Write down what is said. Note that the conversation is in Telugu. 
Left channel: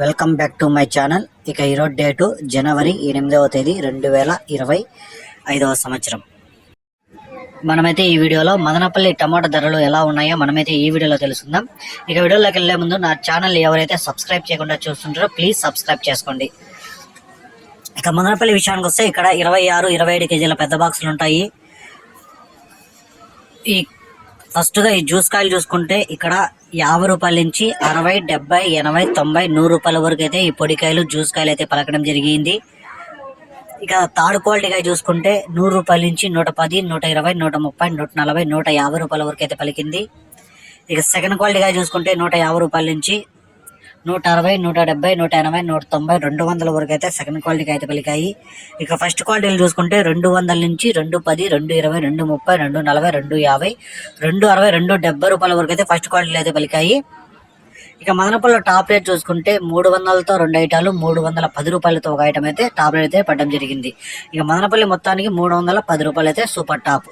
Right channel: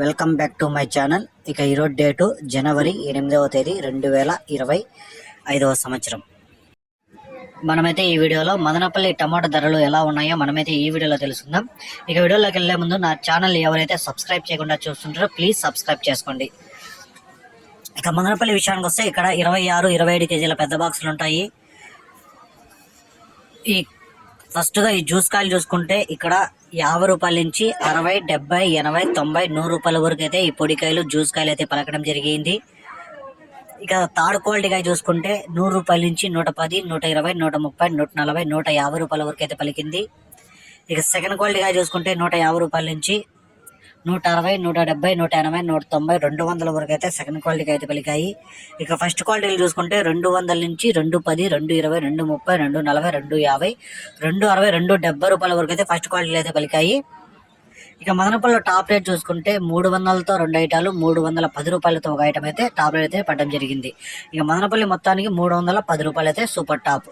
Welcome back to my channel. ఇక ఈరోజు డేటు జనవరి 8వ తేదీ 2025వ సంవత్సరం. మనమైతే ఈ వీడియోలో మదనపల్లి టమాటా ధరలు ఎలా ఉన్నాయో మనమైతే ఈ వీడియోలో తెలుసుకుందాం. ఇక వీడియోలోకి వెళ్లే ముందు నా ఛానల్ ఎవరైతే సబ్స్క్రైబ్ చేయకుండా చూస్తుంటారో ప్లీజ్ సబ్స్క్రైబ్ చేసుకోండి. ఇక మదనపల్లి విషయానికి వస్తే ఇక్కడ 26-27 కేజీల పెద్ద బాక్సులు ఉంటాయి. ఈ ఫస్ట్గా ఈ జ్యూస్ కాయలు చూసుకుంటే ఇక్కడ 50 రూపాయల నుంచి 60, 70, 80, 90, 100 రూపాయల వరకు అయితే ఈ పొడికాయలు జ్యూస్ కాయలు అయితే పలకడం జరిగింది. ఇక థర్డ్ క్వాలిటీ కాయ చూసుకుంటే 100 రూపాయల నుంచి 110, 120, 130, 140, 150 రూపాయల వరకు అయితే పలికింది. ఇక సెకండ్ క్వాలిటీ కాయ చూసుకుంటే 150 రూపాయల నుంచి 160, 170, 180, 190, 200 వరకు అయితే సెకండ్ క్వాలిటీకి అయితే పలికాయి. ఇక ఫస్ట్ క్వాలిటీలు చూసుకుంటే 200 నుంచి 210, 220, 230, 240, 250, 260, 270 రూపాయల వరకు అయితే ఫస్ట్ క్వాలిటీలు అయితే పలికాయి. ఇక మదనపల్లిలో టాప్ రేట్ చూసుకుంటే 300తో 2 ఐటాలు, 310 రూపాయలతో ఒక ఐటమ్ అయితే టాప్ రేట్ అయితే పడడం జరిగింది. ఇక మదనపల్లి మొత్తానికి 310 రూపాయలు అయితే సూపర్ టాప్.